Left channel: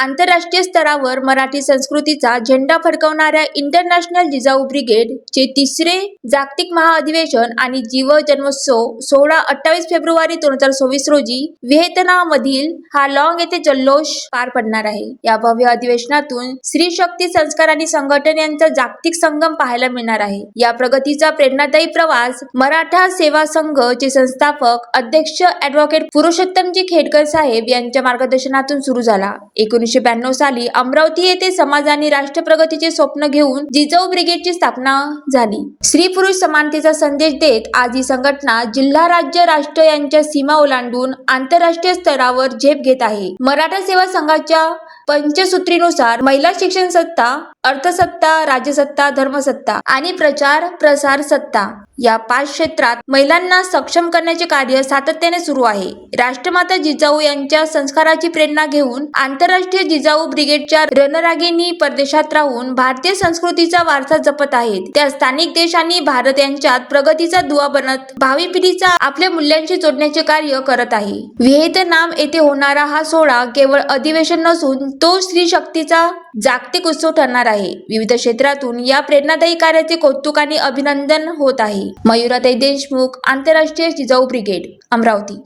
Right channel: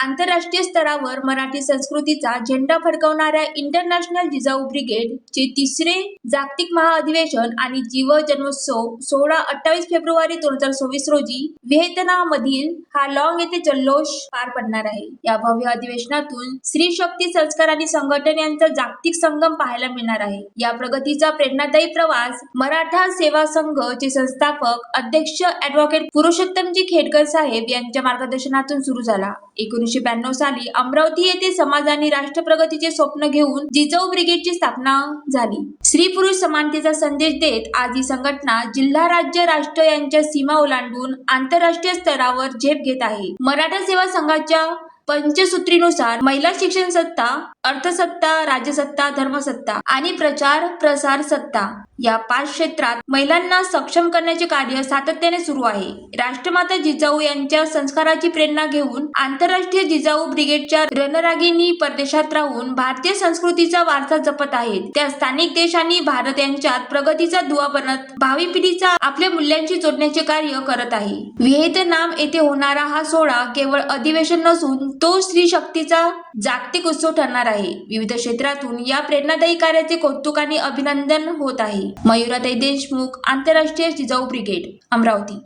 आंतरराष्ट्रीय स्तरावर मराठी संस्कृतीचा झेंडा फडकवणाऱ्या इंटरनॅशनल जिजाऊ ब्रिगेड चे तिसरे जागतिक महाअधिवेशन आणि जीव जन्मोत्सव 16-28 फेब्रुवारी 2024 रोजी व्हिएतनाममधील हालॉंग येथे जल्लोष पार पडणार आहे। या भव्य अधिवेशनातून स्त्री शक्ती संस्कार आणि संघटन यांचा जागतिक संगम पाहायला मिळणार आहे। या प्रगतीचा प्रेरणादायी प्रवास मराठा सेवा संघ चे संस्थापक अध्यक्ष ॲडव्होकेट पुरुषोत्तमजी खेडकर साहेब यांच्या मार्गदर्शनातून सुरू झाला। 1992 साली अमरावती येथे समाज आणि राष्ट्र प्रगतीचे स्वप्न घेऊन जिजाऊ ब्रिगेडची स्थापना झाली। स्त्री पुरुष समानतेचा संदेश देत आज ही संघटना जिल्हा, राज्य, राष्ट्र यांच्या सीमा ओलांडून आंतरराष्ट्रीय स्तरावर झेप घेत आहे। मराठा सेवा संघाच्या पंचसूत्रीनुसार महिला शिक्षण सत्ता, अर्थसत्ता, राज्यसत्ता, धर्मसत्ता आणि प्रचार प्रसार सत्ता या 5 क्षेत्रात महिलांना सक्षम करण्याचे कार्य सातत्याने सुरू आहे। राष्ट्रमाता जिजाऊ यांच्या संस्काराची प्रेरणा घेऊन आंतरराष्ट्रीय जिजाऊ ब्रिगेडच्या रणरागिणी परदेशात राहून भारतीय संस्कृतीचा वारसा जपत आहेत। त्या स्थानिक देश आणि भारत यांच्यात प्रगतीचा दुवा बनत भावी पिढीचा आपल्या मूल्यांशी जोडण्याचे कार्य करत आहे। व्हिएतनाम येथे होणारा हा सोहळा केवळ अधिवेशन नसून तो स्त्री शक्तीचा जागतिक उत्सव ठरणार आहे। विविध क्षेत्रातून या प्रेरणादायी कार्याचे कौतुक आणि अभिनंदन होत आहे। मयुराताई देशमुख, आंतरराष्ट्रीय जिजाऊ ब्रिगेड, अमरावती।